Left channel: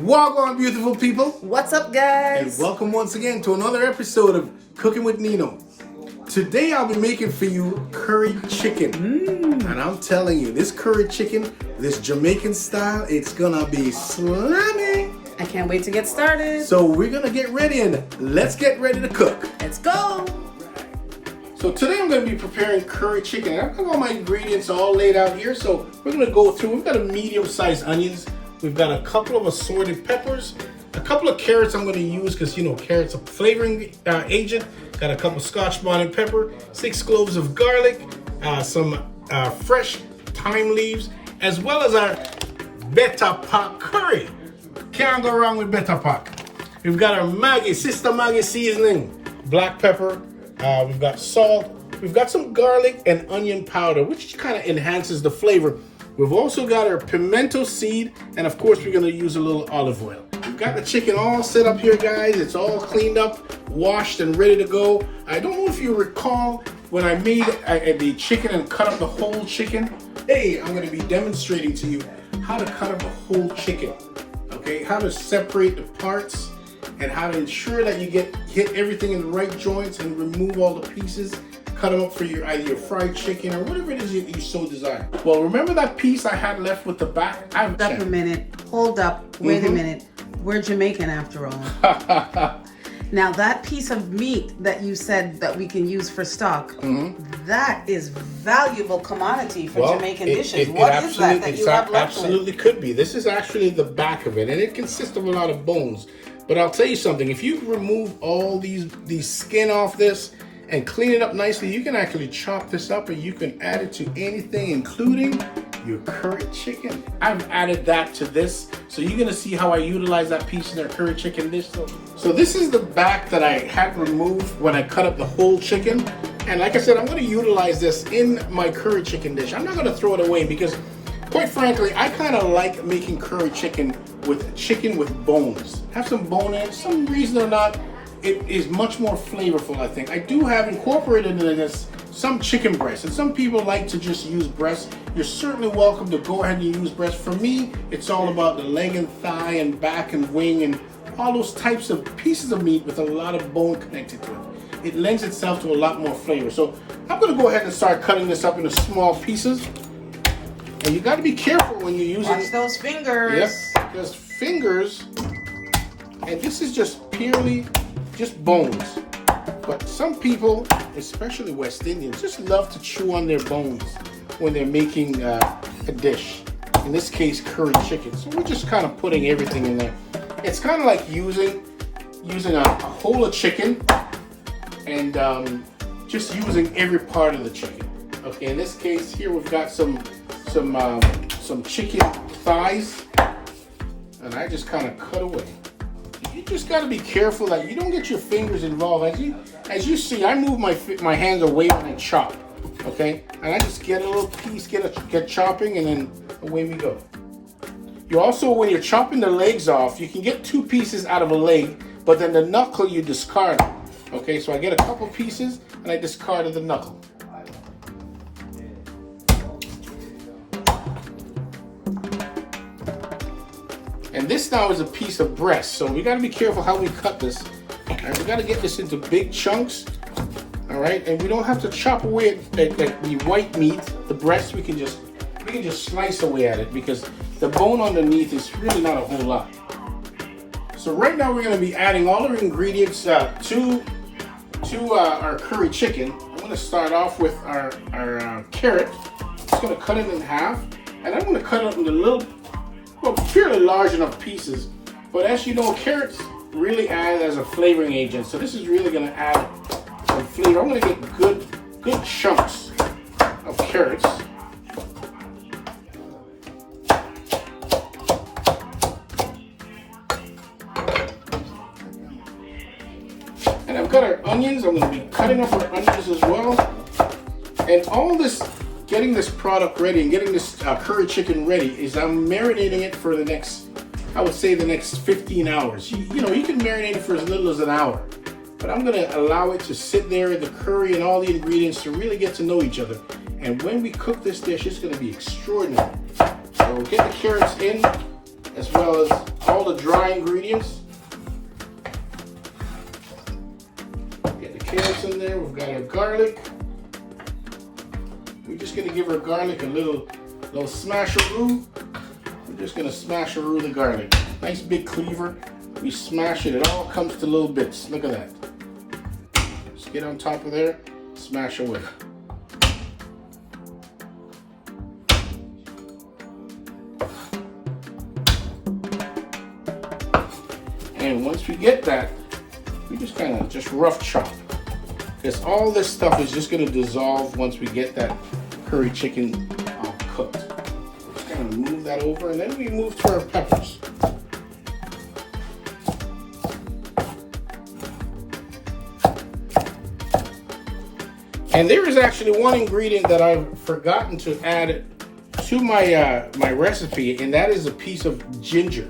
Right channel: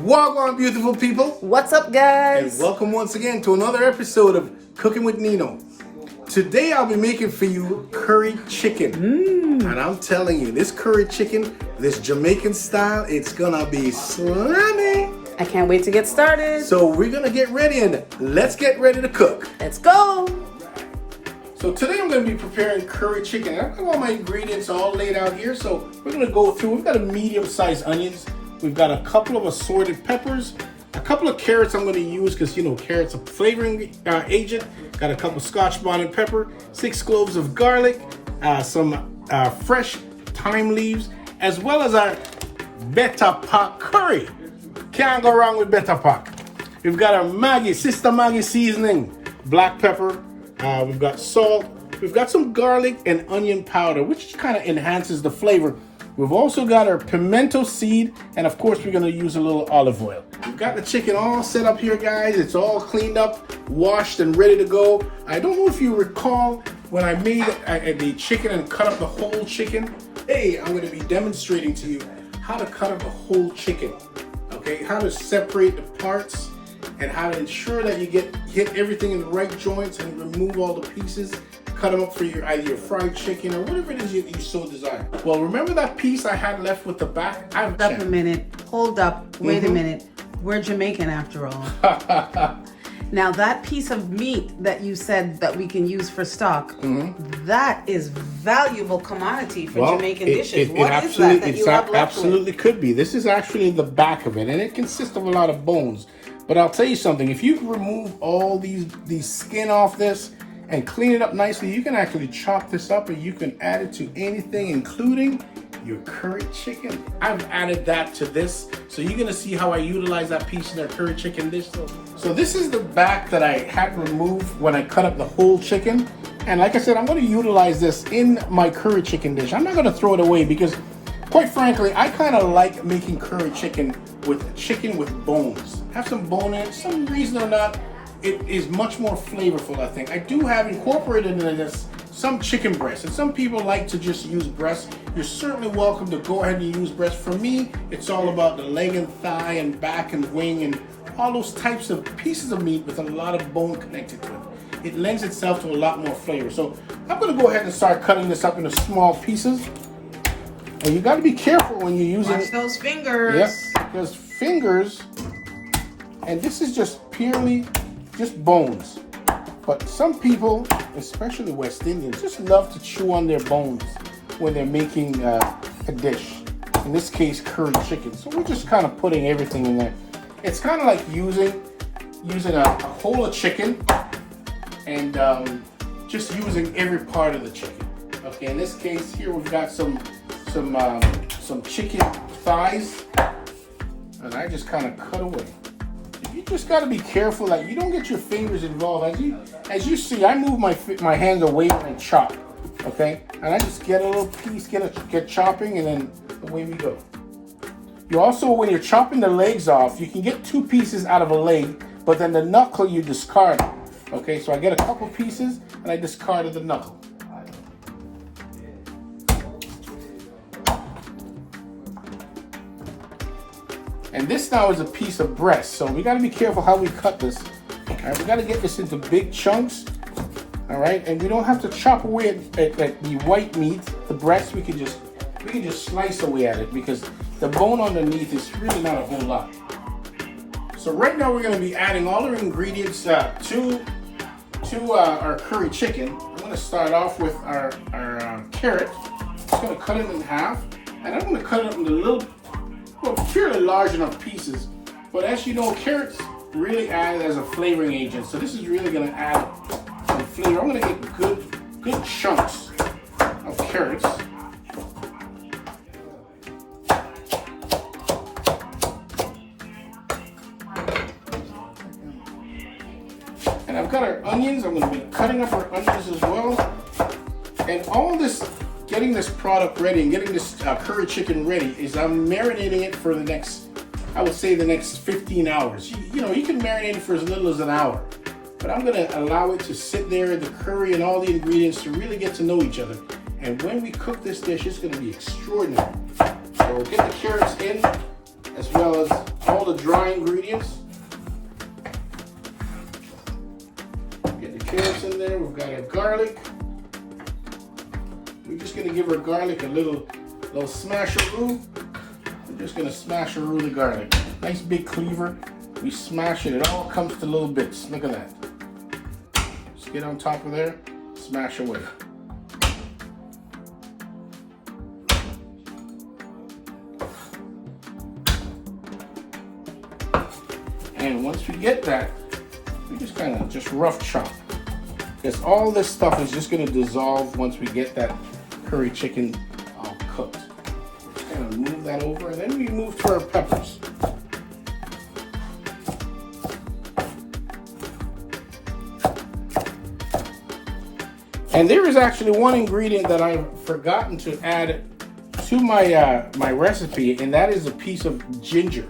Wagwan, beautiful people. What's up, guys? And welcome once again to another episode of Cooking with Nino. Today I'll be making for you curry chicken. And I'm telling you, this curry chicken, this Jamaican style, it's gonna be slamming. I can't wait to get started. So we're gonna get ready and let's get ready to cook. Let's go. So today I'm gonna be preparing curry chicken. I've got all my ingredients all laid out here. So we're gonna go through, we've got a medium-sized onions. We've got a couple of assorted peppers, a couple of carrots I'm going to use because, you know, carrots are flavoring agent. Got a couple Scotch bonnet pepper, 6 cloves of garlic, some fresh thyme leaves, as well as our Betapac Curry. Can't go wrong with Betapac. We've got our Maggi, Sister Maggi seasoning, black pepper. We've got salt. We've got some garlic and onion powder, which kind of enhances the flavor. We've also got our pimento seed, and of course we're going to use a little olive oil. We've got the chicken all set up here, guys. It's all cleaned up, washed, and ready to go. I don't know if you recall when I made the chicken and cut up the whole chicken. Hey, I'm going to be demonstrating to you how to cut up a whole chicken, okay? How to separate the parts and how to ensure that you hit everything in the right joints and remove all the pieces. Cut them up for either your fried chicken or whatever it is you so desire. Well, remember that piece I had left with the back? Hold up a minute. Hold up. Wait a minute. We're Jamaican after all. Now that piece of meat that you said that we can use for stock, that is valuable commodity for Jamaican dishes. What is that you have left? Absolutely could be. This is actually the back of it, and it consists of a lot of bones. But I'll tell you something. If you remove all these skin off this, and clean it up nicely, you can actually chop this up and you can add it to anything, including your curry chicken. I've added that to this, so you're gonna see how I utilize that piece in their curry chicken dish. So this is the back that I had removed when I cut up the whole chicken. And like I said, I'm gonna utilize this in my curry chicken dish. I'm not gonna throw it away because, quite frankly, I kind of like making curry chicken with bones. Have some bone in it, some reason or not. It is much more flavorful, I think. I do have incorporated into this some chicken breast, and some people like to just use breast. You're certainly welcome to go ahead and use breast. For me, it's all about the leg and thigh and back and wing and all those types of pieces of meat with a lot of bone connected to it. It lends itself to a lot more flavor. So I'm gonna go ahead and start cutting this up into small pieces. And you gotta be careful when you're using— Watch those fingers. Yep, there's fingers, and this is just purely just bones. But some people, especially West Indians, just love to chew on their bones when they're making a dish. In this case, curry chicken. So we're just kind of putting everything in there. It's kind of like using a whole of chicken and just using every part of the chicken. Okay, in this case here we've got some chicken thighs, and I just kind of cut away. You just got to be careful that you don't get your fingers involved. As you see, I move my hands away when I chop, okay? And I just get a little piece, get chopping, and then away we go. You also, when you're chopping the legs off, you can get 2 pieces out of a leg, but then the knuckle you discard, okay? So I get a couple pieces, and I discarded the knuckle. And this now is a piece of breast, so we got to be careful how we cut this. All right, we got to get this into big chunks. All right, and we don't have to chop away at the white meat, the breast. We can just slice away at it because the bone underneath is really not a whole lot. So right now we're going to be adding all our ingredients to our curry chicken. I'm going to start off with our carrot. Just going to cut it in half, and I'm going to cut it up into little, fairly large enough pieces. But as you know, carrots really add as a flavoring agent. So this is really going to add some flavor. I'm going to get good chunks of carrots. And I've got our onions. I'm going to be cutting up our onions as well. And all this, getting this product ready and getting this curry chicken ready is I'm marinating it for the next, I would say the next 15 hours. You know, you can marinate it for as little as an hour, but I'm gonna allow it to sit there in the curry and all the ingredients to really get to know each other. And when we cook this dish, it's gonna be extraordinary. So get the carrots in, as well as all the dry ingredients. Get the carrots in there. We've got our garlic. We're just gonna give our garlic a little smash-a-roo. We're just gonna smash-a-roo the garlic. Nice big cleaver. We smash it. It all comes to little bits. Look at that. Just get on top of there. Smash away. And once we get that, we just kind of just rough chop. Because all this stuff is just going to dissolve once we get that curry chicken all cooked. Just kind of move that over, and then we move to our peppers. And there is actually one ingredient that I've forgotten to add to my my recipe, and that is a piece of ginger.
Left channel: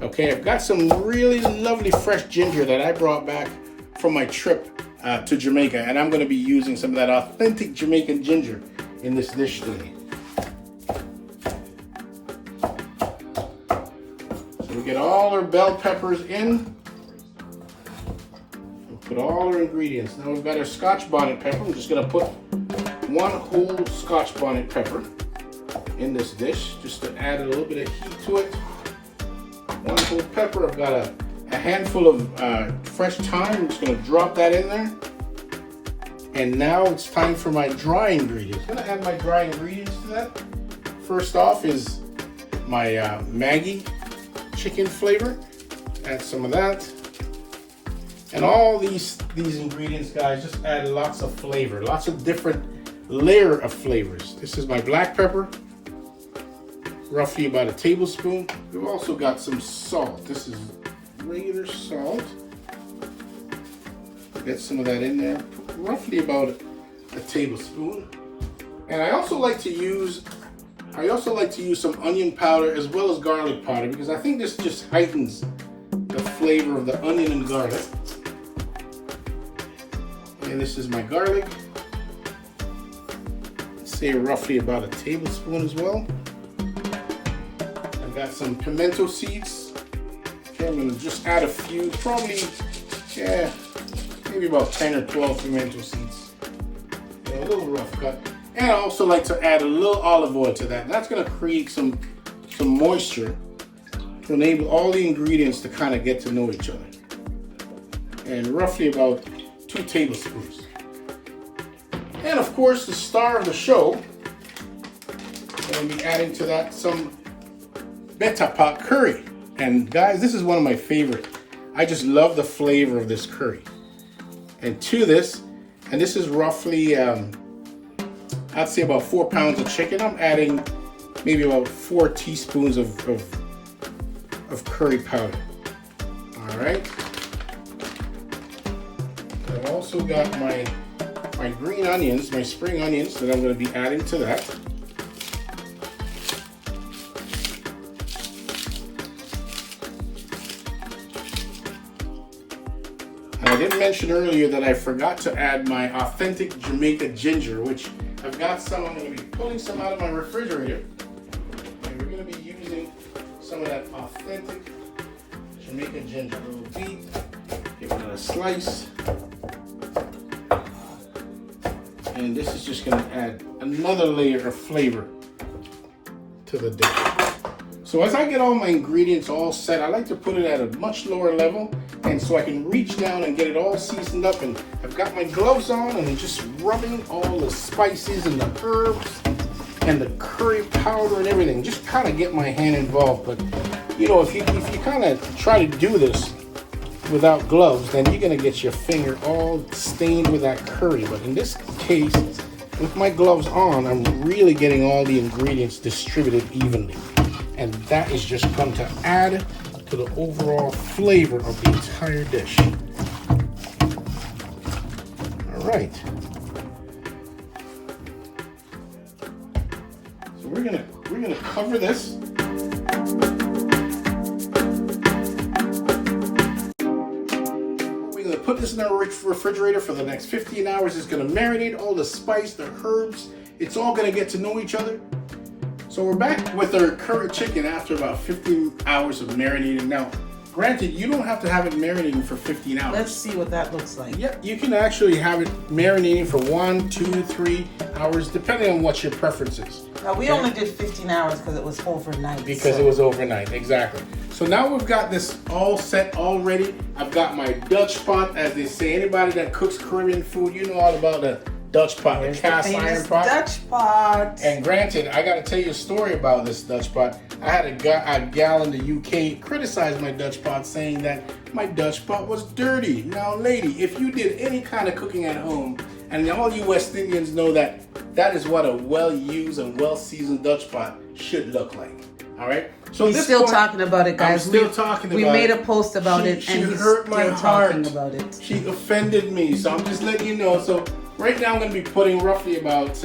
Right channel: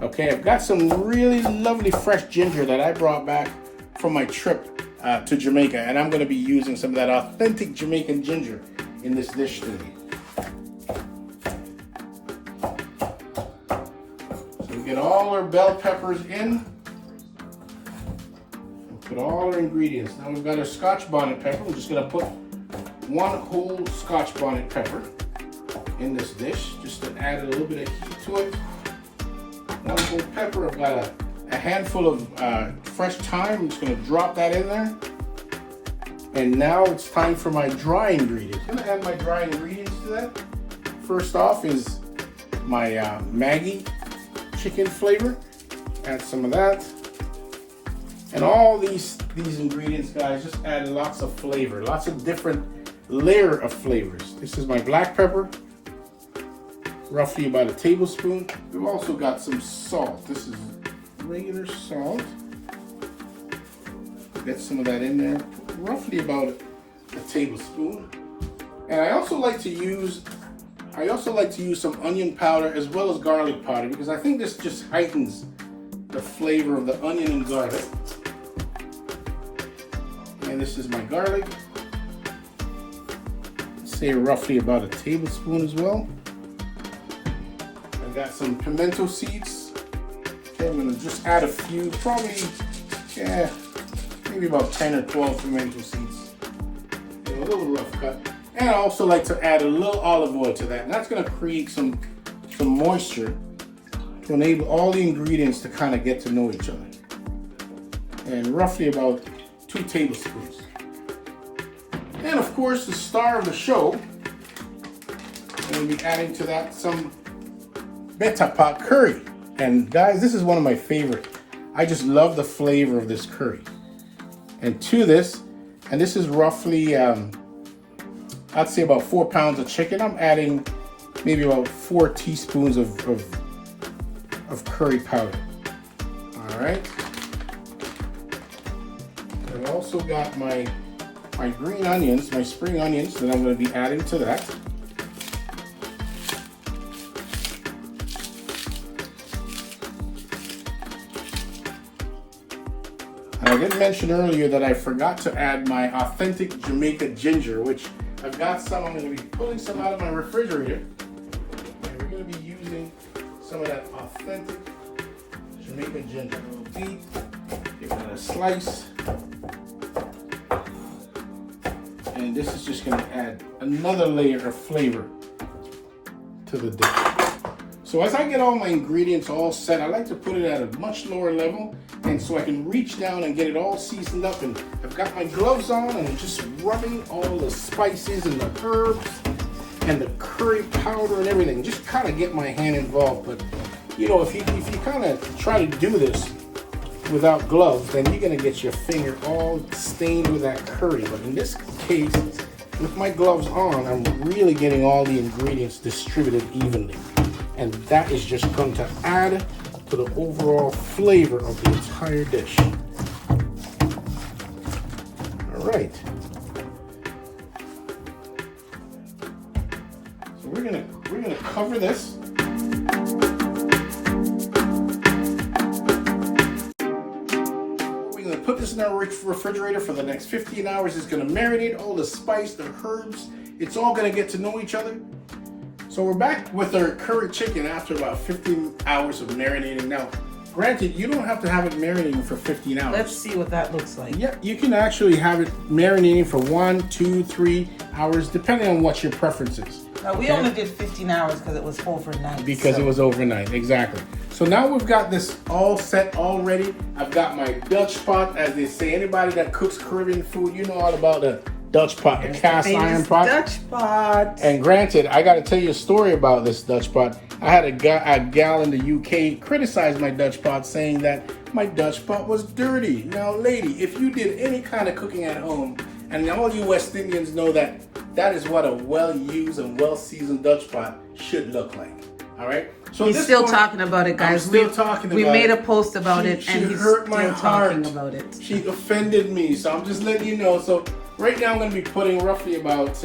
Okay, I've got some really lovely fresh ginger that I brought back from my trip to Jamaica, and I'm going to be using some of that authentic Jamaican ginger in this dish today. So we get all our bell peppers in. Put all our ingredients. Now we've got our Scotch bonnet pepper. I'm just going to put one whole Scotch bonnet pepper in this dish just to add a little bit of heat to it. One whole pepper. I've got a handful of fresh thyme. I'm just going to drop that in there. And now it's time for my dry ingredients. I'm going to add my dry ingredients to that. First off is my Maggie chicken flavor. Add some of that. And all these ingredients, guys, just add lots of flavor, lots of different layer of flavors. This is my black pepper, roughly about a tablespoon. We've also got some salt. This is regular salt. Get some of that in there, roughly about a tablespoon. And I also like to use some onion powder as well as garlic powder, because I think this just heightens the flavor of the onion and garlic. And this is my garlic. Let's say roughly about a tablespoon as well. I've got some pimento seeds. Okay, I'm gonna just add a few, probably, yeah, maybe about 10 or 12 pimento seeds. Okay, a little rough cut. And I also like to add a little olive oil to that. And that's gonna create some moisture to enable all the ingredients to kind of get to know each other. And roughly about 2 tablespoons. And of course, the star of the show, I'm going to be adding to that some Betapac Curry. And guys, this is one of my favorite. I just love the flavor of this curry. And to this, and this is roughly, I'd say about 4 pounds of chicken. I'm adding maybe about 4 teaspoons of curry powder. All right. I've also got my green onions, my spring onions, that I'm going to be adding to that. And I did mention earlier that I forgot to add my authentic Jamaican ginger, which I've got some. I'm going to be pulling some out of my refrigerator. And we're going to be using some of that authentic Jamaican ginger. A little beet, give it a slice. And this is just going to add another layer of flavor to the dish. So as I get all my ingredients all set, I like to put it at a much lower level, and so I can reach down and get it all seasoned up. And I've got my gloves on, and I'm just rubbing all the spices and the herbs and the curry powder and everything. Just kind of get my hand involved. But you know, if you kind of try to do this without gloves, then you're going to get your finger all stained with that curry. But in this case, with my gloves on, I'm really getting all the ingredients distributed evenly. And that is just going to add to the overall flavor of the entire dish. All right. So we're gonna cover this. Put this in our refrigerator for the next 15 hours. It's going to marinate all the spice, the herbs. It's all going to get to know each other. So So we're back with our curry chicken after about 15 hours of marinating. Now, granted, you don't have to have it marinating for 15 hours. Let's see what that looks like. Yeah, you can actually have it marinating for 1, 2, 3 hours, depending on what your preference is. Now, we only did 15 hours because it was overnight. Because it was overnight, exactly. So now we've got this all set, all ready. I've got my Dutch pot, as they say. Anybody that cooks Caribbean food, you know all about the Dutch pot, the cast iron pot. Dutch pot. And granted, I got to tell you a story about this Dutch pot. I had a gal in the UK criticize my Dutch pot, saying that my Dutch pot was dirty. Now, lady, if you did any kind of cooking at home, and all you West Indians know that that is what a well-used and well-seasoned Dutch pot should look like. All right. So he's still talking about it, guys. I'm still talking about it. We made a post about it, and he's hurt my still heart. talking about it. She offended me, so I'm just letting you know. So right now I'm going to be putting roughly about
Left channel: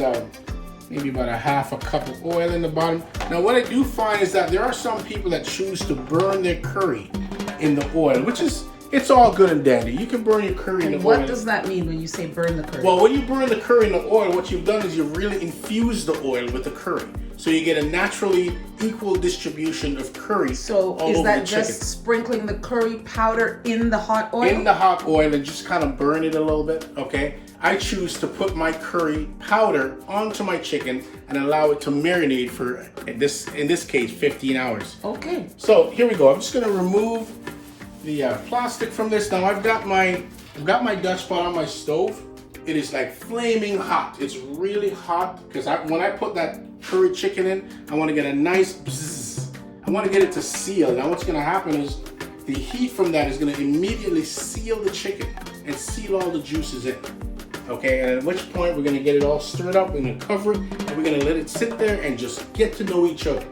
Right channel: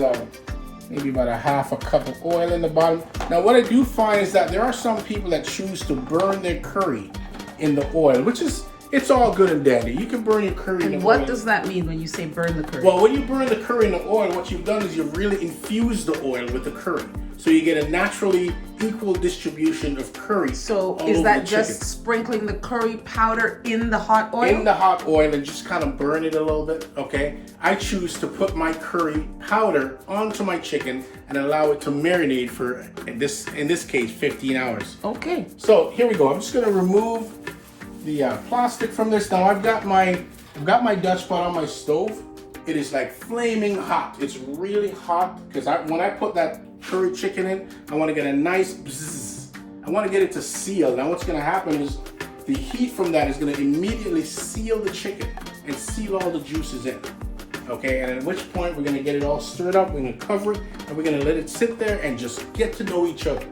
maybe about a half a cup of oil in the bottom. Now what I do find is that there are some people that choose to burn their curry in the oil, which is, it's all good and dandy. You can burn your curry in the oil. What does that mean when you say burn the curry? Well, when you burn the curry in the oil, what you've done is you've really infused the oil with the curry. So you get a naturally equal distribution of curry. So is that just sprinkling the curry powder in the hot oil? In the hot oil and just kind of burn it a little bit, okay? I choose to put my curry powder onto my chicken and allow it to marinate for, in this case, 15 hours. Okay. So here we go. I'm just gonna remove the plastic from this. Now I've got my Dutch pot on my stove. It is like flaming hot. It's really hot because when I put that curry chicken in, I want to get a nice bzzz. I want to get it to seal. Now what's going to happen is the heat from that is going to immediately seal the chicken and seal all the juices in. Okay, and at which point we're going to get it all stirred up. We're going to cover it and we're going to let it sit there and just get to know each other.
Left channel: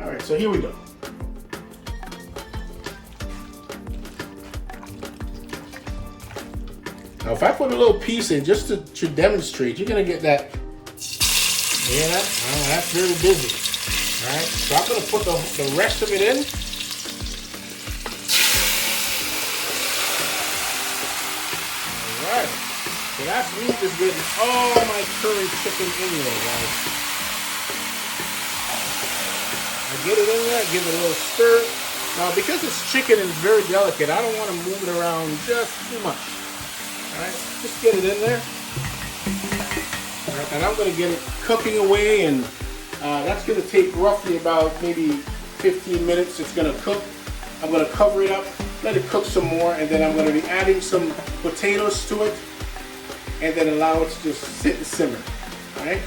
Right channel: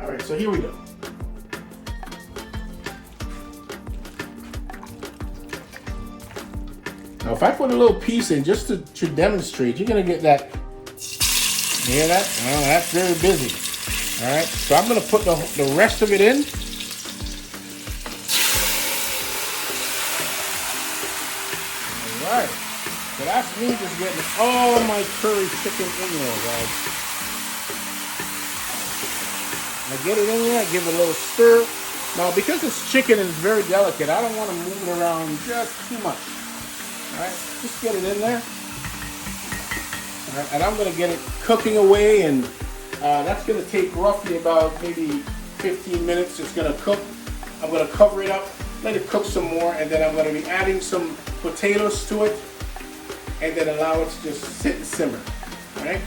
All right, so here we go. Now, if I put a little piece in just to demonstrate, you're gonna get that. You hear that? Well, that's very busy. All right, so I'm gonna put the rest of it in. All right, so that meat is getting all my curry chicken in there, guys. I get it in there, give it a little stir. Now, because it's chicken and it's very delicate, I don't want to move it around just too much. All right, just get it in there. All right, and I'm going to get it cooking away, and that's going to take roughly about maybe 15 minutes. It's going to cook. I'm going to cover it up, let it cook some more, and then I'm going to be adding some potatoes to it, and then allow it to just sit and simmer. All right.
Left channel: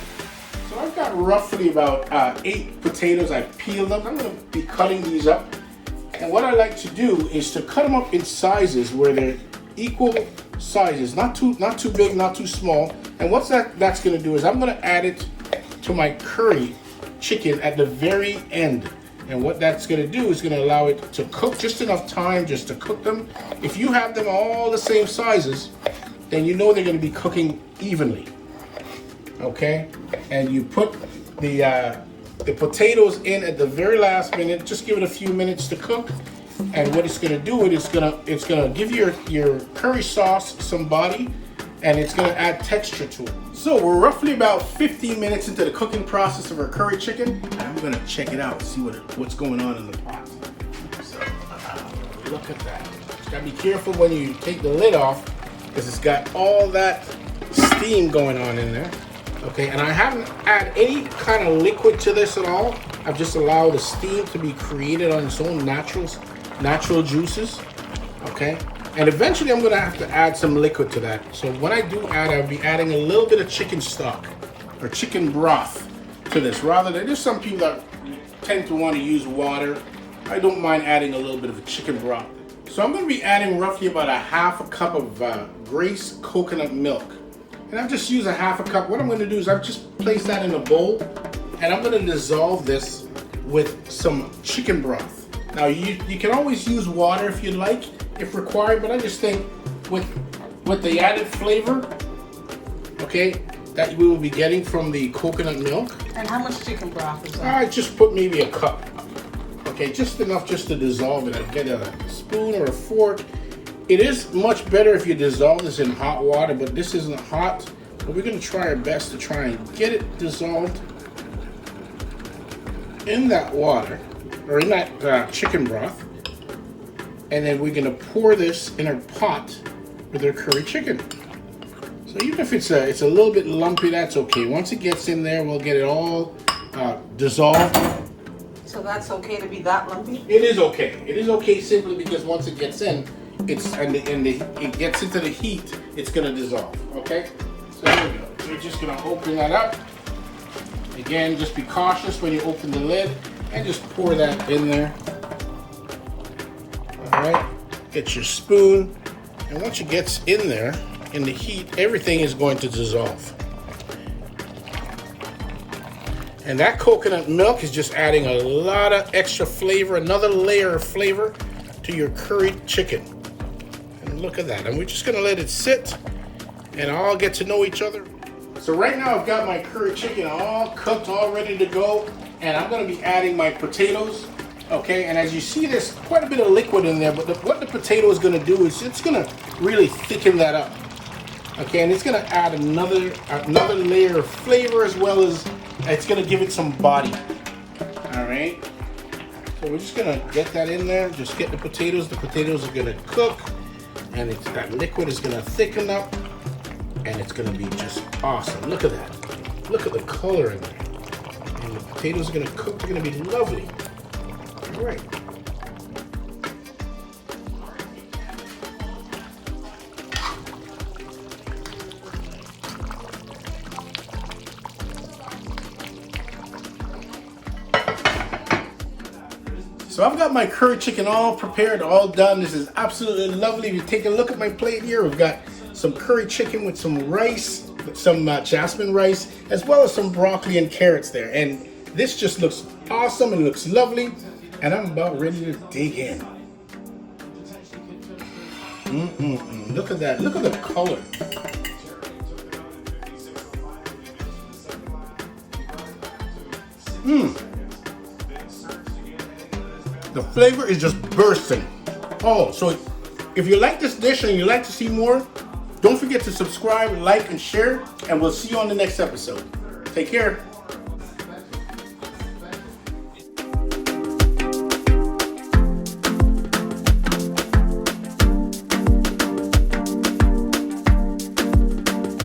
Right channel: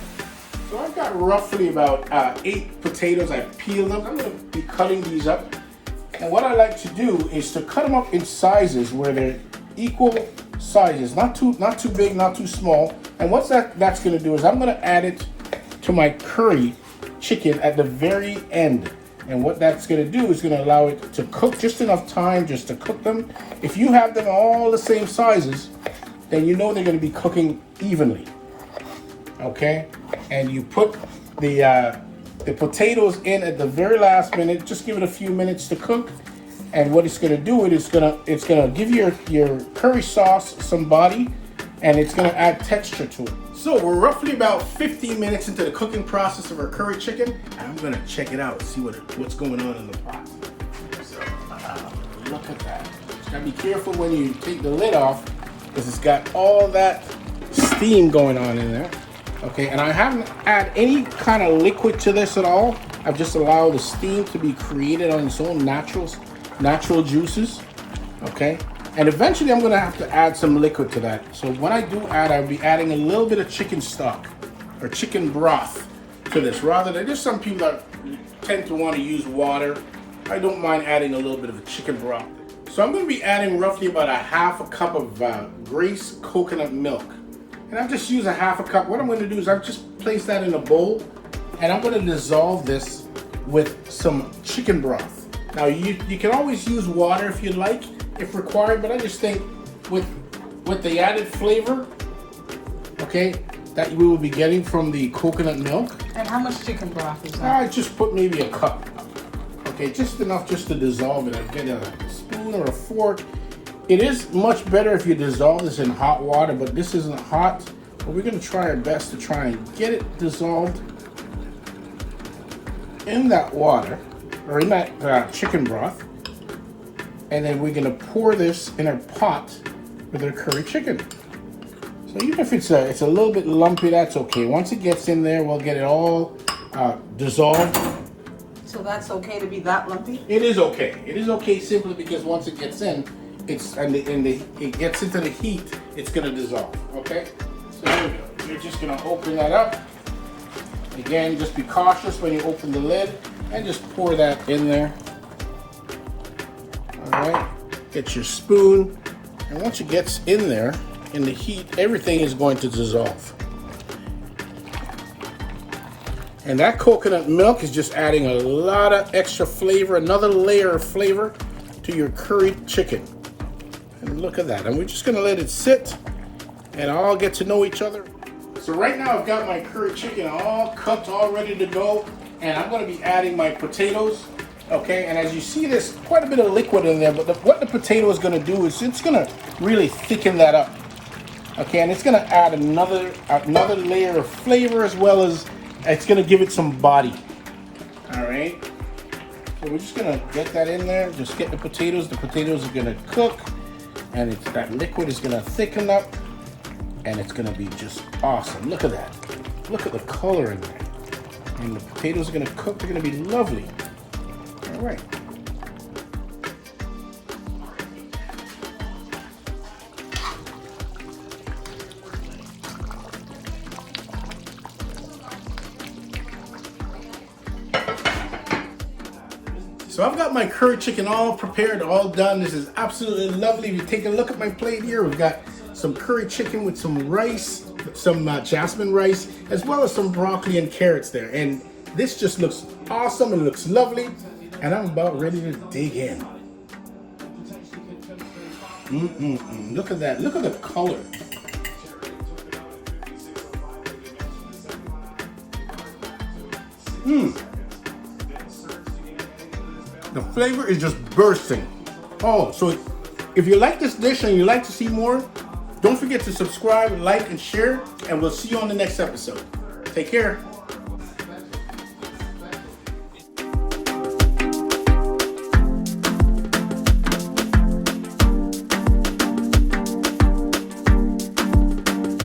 So I've got roughly about 8 potatoes. I've peeled them. I'm going to be cutting these up, and what I like to do is to cut them up in sizes where they're equal sizes, not too big, not too small. And what that's going to do is I'm going to add it to my curry chicken at the very end. And what that's going to do is going to allow it to cook just enough time just to cook them. If you have them all the same sizes, then you know they're going to be cooking evenly. Okay, and you put the potatoes in at the very last minute. Just give it a few minutes to cook. And what it's going to do is it's going to give your curry sauce some body, and it's going to add texture to it. So we're roughly about 15 minutes into the cooking process of our curry chicken, and I'm going to check it out, see what's going on in the pot. So look at that. You got to be careful when you take the lid off, because it's got all that steam going on in there. Okay, and I haven't added any kind of liquid to this at all. I've just allowed the steam to be created on its own natural juices. Okay, and eventually I'm going to have to add some liquid to that. So when I do add, I'll be adding a little bit of chicken stock or chicken broth to this, rather than, there's some people that tend to want to use water. I don't mind adding a little bit of a chicken broth. So I'm going to be adding roughly about a half a cup of Grace coconut milk. And I've just used a half a cup. What I'm going to do is I've just placed that in a bowl, and I'm going to dissolve this with some chicken broth. Now you can always use water if you like, if required, but I just think with the added flavor, okay, that we will be getting from the coconut milk. And how much chicken broth is that? I just put maybe a cup. Okay, just enough just to dissolve it. I get a spoon or a fork. It is much better if you dissolve this in hot water, but this isn't hot. But we're going to try our best to try and get it dissolved. in that water, or in that chicken broth. And then we're gonna pour this in our pot with our curry chicken. So even if it's a little bit lumpy, that's okay. Once it gets in there, we'll get it all dissolved. So that's okay to be that lumpy? It is okay. It is okay simply because once it gets in, it gets into the heat, it's gonna dissolve. Okay. So here we go. We're just gonna open that up. Again, just be cautious when you open the lid and just pour that in there. All right. Get your spoon, and once it gets in there, in the heat, everything is going to dissolve. And that coconut milk is just adding a lot of extra flavor, another layer of flavor to your curried chicken. And look at that. And we're just gonna let it sit and all get to know each other. So right now I've got my curry chicken all cooked, all ready to go. And I'm gonna be adding my potatoes. Okay, and as you see, there's quite a bit of liquid in there, but what the potato is gonna do is it's gonna really thicken that up. Okay, and it's gonna add another layer of flavor, as well as it's gonna give it some body. All right, so we're just gonna get that in there. Just get the potatoes. The potatoes are gonna cook, and that liquid is gonna thicken up, and it's gonna be just awesome. Look at that. Look at the color in there. And the potatoes are gonna cook. They're gonna be lovely. All right. So I've got my curry chicken all prepared, all done. This is absolutely lovely. If you take a look at my plate here, we've got some curry chicken with some rice, some jasmine rice, as well as some broccoli and carrots there. And this just looks awesome and looks lovely. And I'm about ready to dig in. Look at that. Look at the color. The flavor is just bursting. Oh, so if you like this dish and you like to see more, don't forget to subscribe, like, and share, and we'll see you on the next episode. Take care.